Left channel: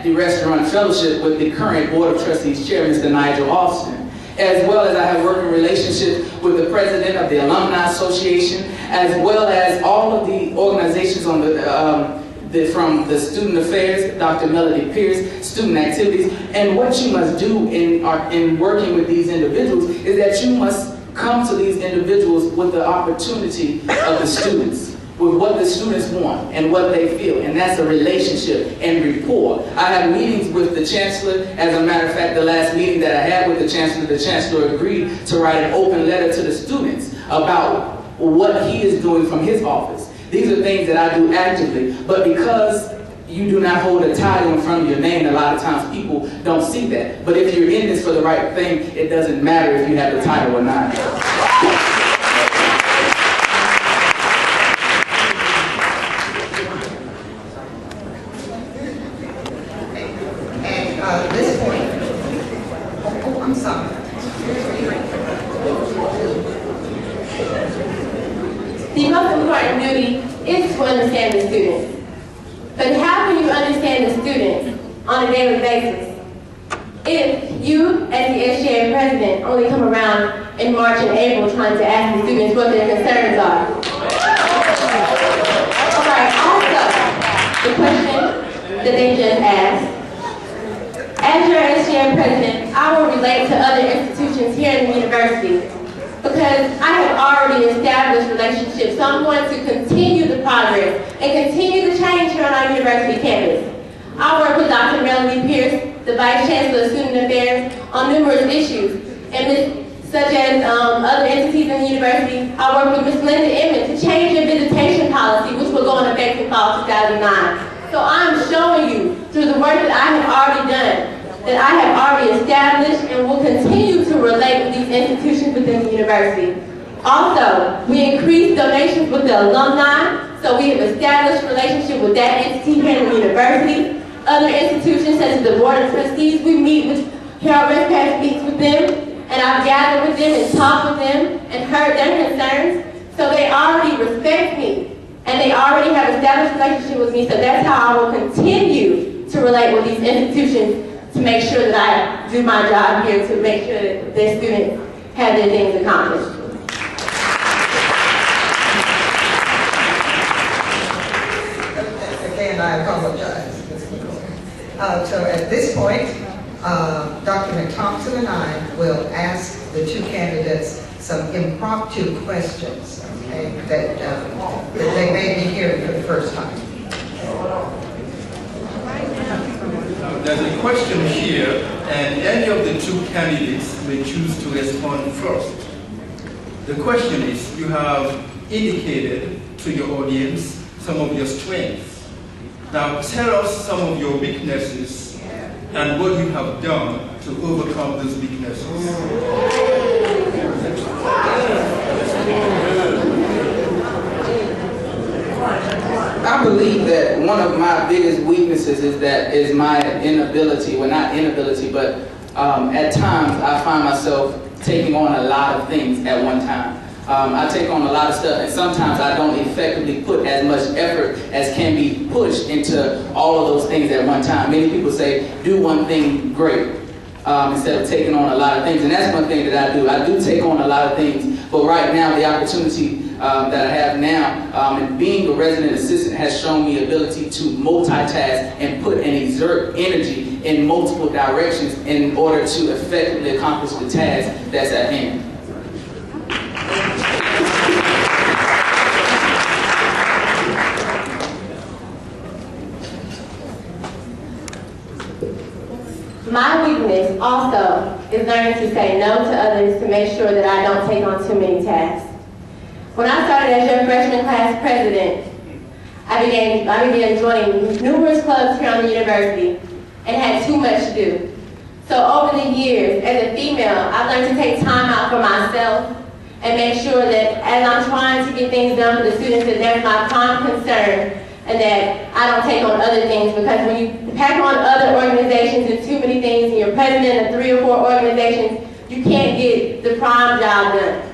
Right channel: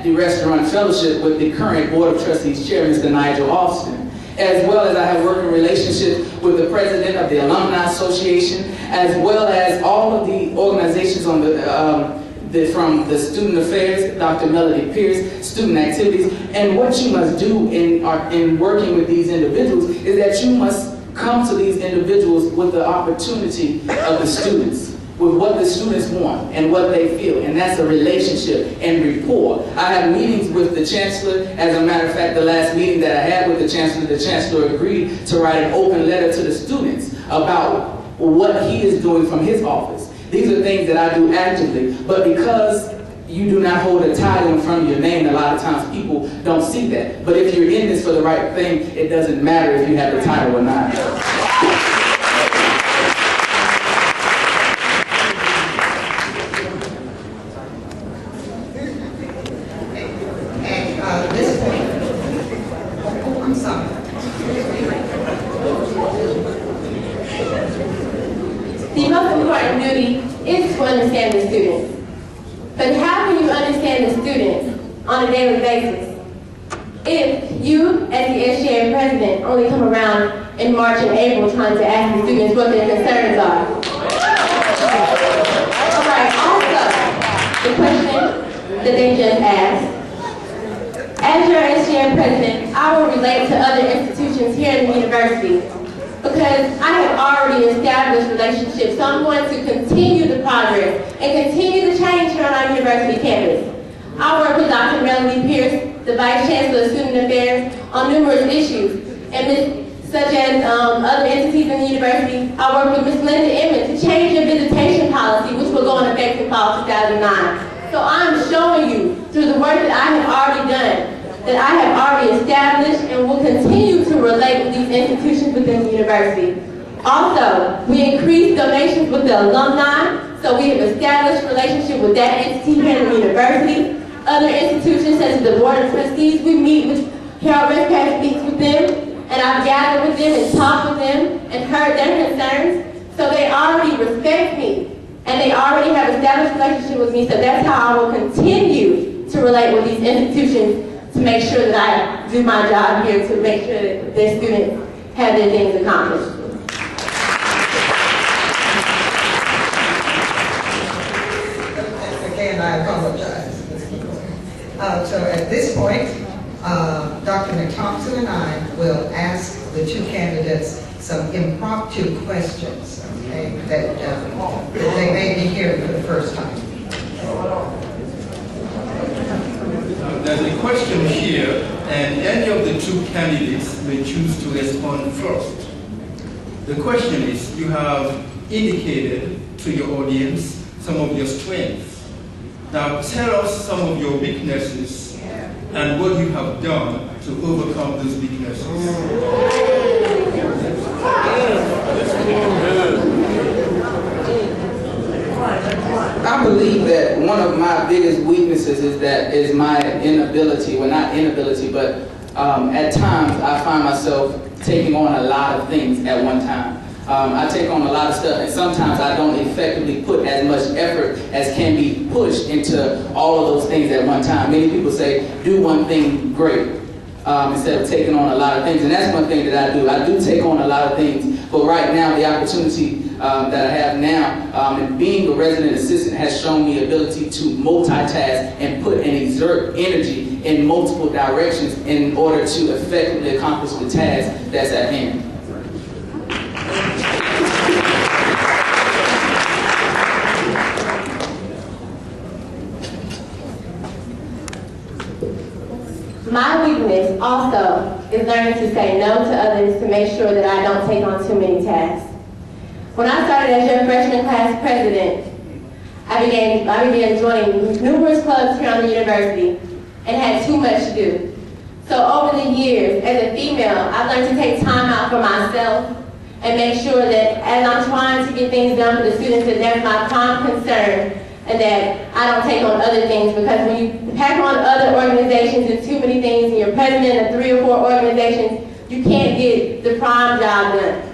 at the Restaurant Fellowship with the current Board of Trustees Chair, Mr. Nigel Austin, as well as I have worked in relationship with the President of the Alumni Association, as well as all of the organizations on from the Student Affairs, Dr. Melody Pierce, Student Activities. And what you must do in working with these individuals is that you must come to these individuals with the opportunity of the students, with what the students want and what they feel, and that's a relationship and rapport. I have meetings with the Chancellor. As a matter of fact, the last meeting that I had with the Chancellor agreed to write an open letter to the students about what he is doing from his office. These are things that I do actively, but because you do not hold a title in front of your name, a lot of times people don't see that. But if you're in this for the right thing, it doesn't matter if you have the title or not. The most important duty is to understand the students. But how can you understand the students on a daily basis if you, as the SGA president, only come around in March and April trying to ask the students what their concerns are? Alright, also, the question that they just asked. As your SGA president, I will relate to other institutions here in the university, because I have already established relationships, so I'm going to continue the progress and continue the change here on our university campus. I work with Dr. Melody Pierce, the Vice Chancellor of Student Affairs, on numerous issues, such as other entities in the university. I work with Ms. Linda Emmett to change the visitation policy, which will go into effect in fall 2009. So I'm showing you, through the work that I have already done, that I have already established and will continue to relate with these institutions within the university. Also, we increased donations with the alumni, so we have established relationship with that entity here in the university. Other institutions such as the Board of Trustees, we meet with Harold Redpath, meets with them, and I've gathered with them and talked with them and heard their concerns. So they already respect me, and they already have established a relationship with me, so that's how I will continue to relate with these institutions to make sure that I do my job here to make sure that their students have their things accomplished. Again, I apologize. So at this point, Dr. McThompson and I will ask the two candidates some impromptu questions, okay, that they may be hearing for the first time. There's a question here, and any of the two candidates may choose to respond first. The question is, you have indicated to your audience some of your strengths. Now tell us some of your weaknesses and what you have done to overcome those weaknesses. I believe that one of my biggest weaknesses is my inability, well not inability, but at times I find myself taking on a lot of things at one time. I take on a lot of stuff, and sometimes I don't effectively put as much effort as can be pushed into all of those things at one time. Many people say, do one thing great, instead of taking on a lot of things, and that's one thing that I do. I do take on a lot of things, but right now the opportunity that I have now, and being a resident assistant has shown me ability to multitask and put and exert energy in multiple directions in order to effectively accomplish the task that's at hand. My weakness also is learning to say no to others to make sure that I don't take on too many tasks. When I started as your freshman class president, I began joining numerous clubs here on the university and had too much to do. So over the years, as a female, I've learned to take time out for myself and make sure that as I'm trying to get things done for the students, that that's my prime concern, and that I don't take on other things, because when you pack on other organizations and too many things and you're president of 3 or 4 organizations, you can't get the prime job done.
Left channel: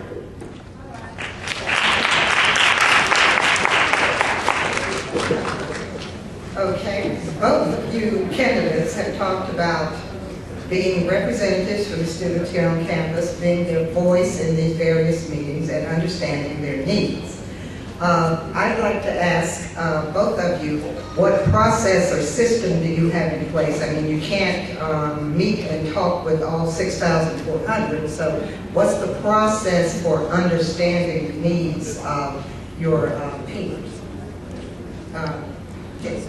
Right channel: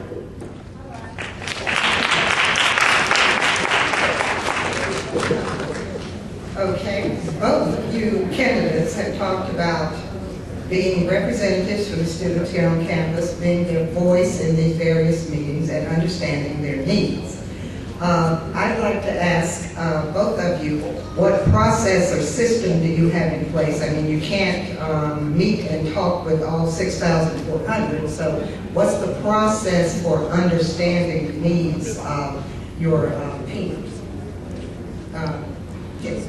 Okay, both of you candidates have talked about being representatives for the students here on campus, being their voice in these various meetings, and understanding their needs. I'd like to ask both of you, what process or system do you have in place? I mean, you can't meet and talk with all 6,400, so what's the process for understanding the needs of your peers? Yes.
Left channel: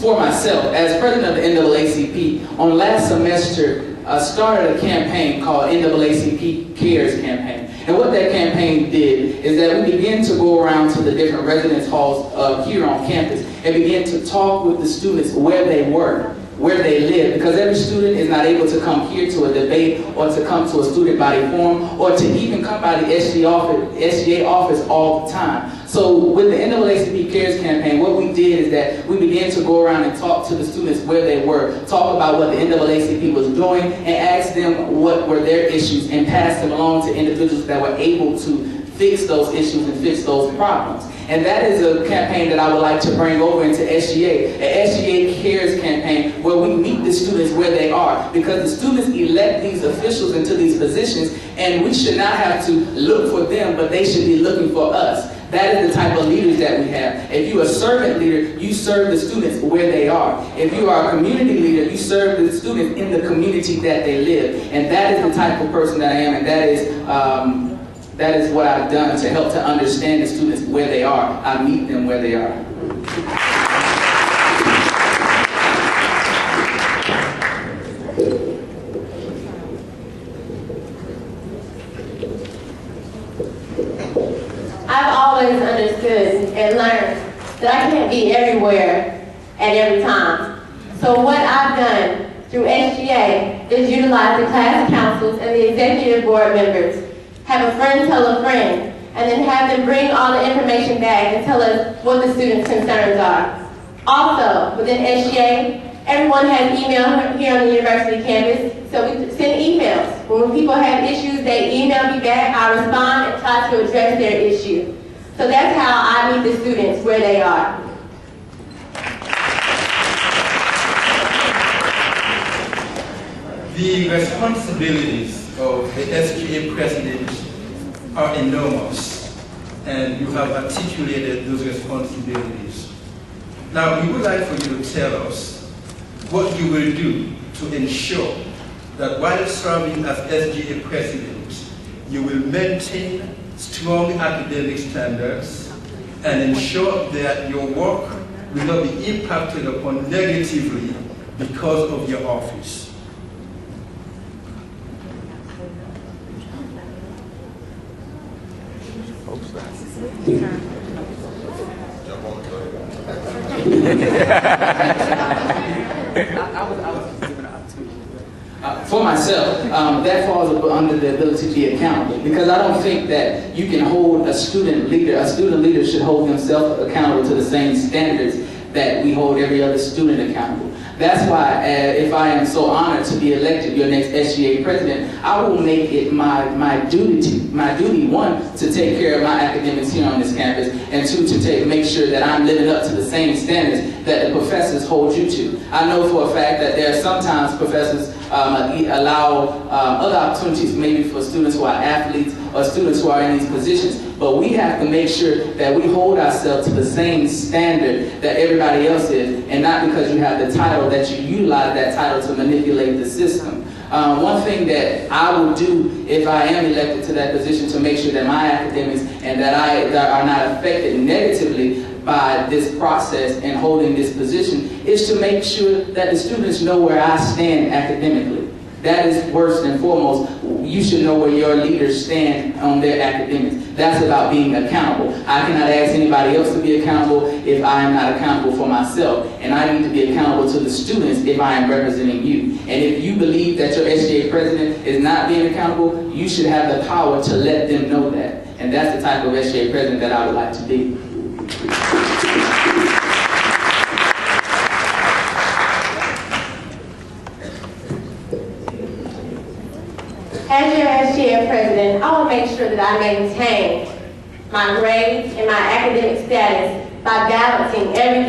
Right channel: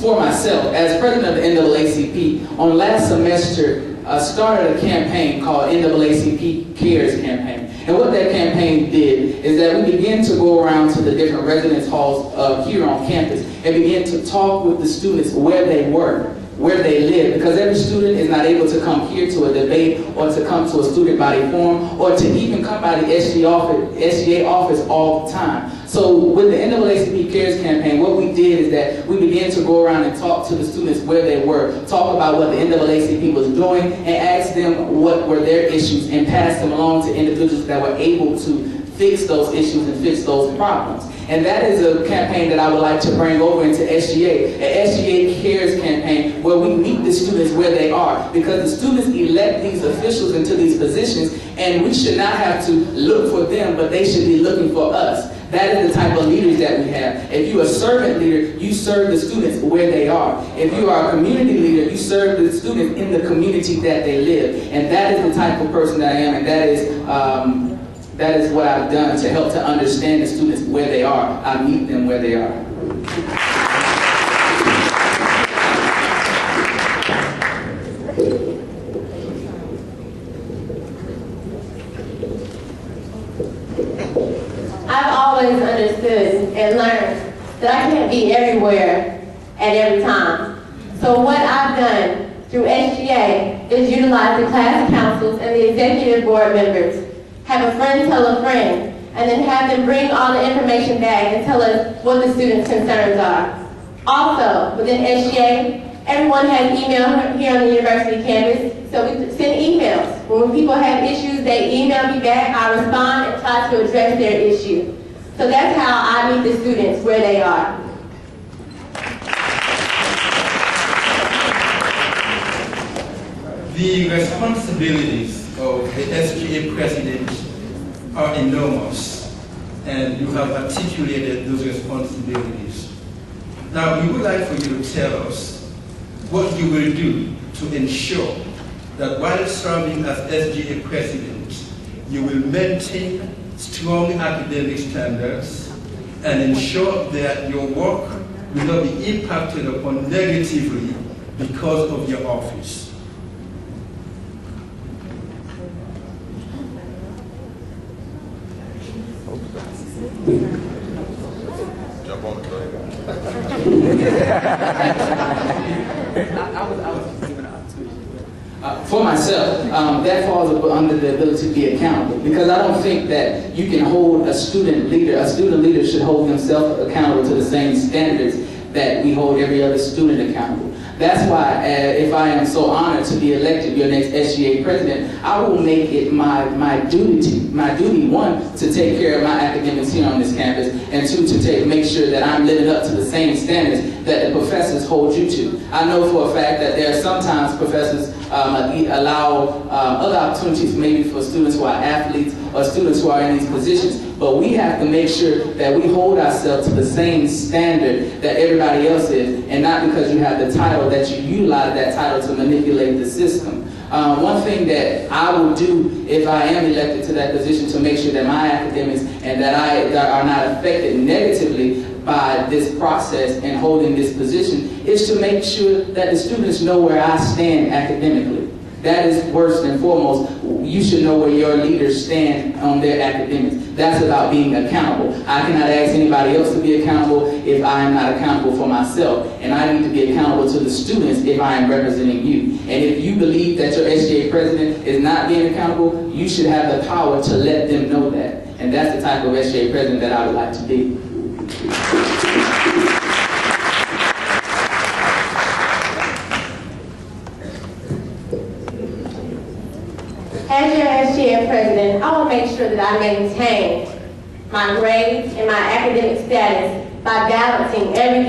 For myself, as president of the NAACP, on last semester, started a campaign called NAACP Cares Campaign. And what that campaign did is that we began to go around to the different residence halls here on campus and begin to talk with the students where they were, where they live, because every student is not able to come here to a debate or to come to a student body forum or to even come by the SGA office all the time. So with the NAACP Cares campaign, what we did is that we began to go around and talk to the students where they were, talk about what the NAACP was doing, and ask them what were their issues, and pass them along to individuals that were able to fix those issues and fix those problems. And that is a campaign that I would like to bring over into SGA, an SGA Cares campaign where we meet the students where they are, because the students elect these officials into these positions, and we should not have to look for them, but they should be looking for us. That is the type of leaders that we have. If you're a servant leader, you serve the students where they are. If you are a community leader, you serve the students in the community that they live. And that is the type of person that I am, and that is what I've done to help to understand the students where they are. I meet them where they are. I've always understood and learned that I can't be everywhere at every time. So what I've done through SGA is utilize the class councils and the executive board members, have a friend tell a friend, and then have them bring all the information back and tell us what the students' concerns are. Also, within SGA, everyone has email here on the university campus, so we send emails. When people have issues, they email me back, I respond and try to address their issue. So that's how I meet the students where they are. The responsibilities of the SGA president are enormous, and you have articulated those responsibilities. Now, we would like for you to tell us what you will do to ensure that while serving as SGA president, you will maintain strong academic standards and ensure that your work will not be impacted upon negatively because of your office. For myself, that falls under the ability to be accountable, because I don't think that you can hold a student leader should hold himself accountable to the same standards that we hold every other student accountable. That's why, if I am so honored to be elected your next SGA president, I will make it my duty, one, to take care of my academics here on this campus, and two, to make sure that I'm living up to the same standards that the professors hold you to. I know for a fact that there are sometimes professors allow other opportunities, maybe for students who are athletes or students who are in these positions, but we have to make sure that we hold ourselves to the same standard that everybody else is, and not because you have the title that you utilize that title to manipulate the system. One thing that I will do if I am elected to that position to make sure that my academics and that are not affected negatively by this process and holding this position is to make sure that the students know where I stand academically. That is first and foremost. You should know where your leaders stand on their academics. That's about being accountable. I cannot ask anybody else to be accountable if I am not accountable for myself. And I need to be accountable to the students if I am representing you. And if you believe that your SGA president is not being accountable, you should have the power to let them know that. And that's the type of SGA president that I would like to be. As your SGA president, I will make sure that I maintain my grades and my academic status by balancing everything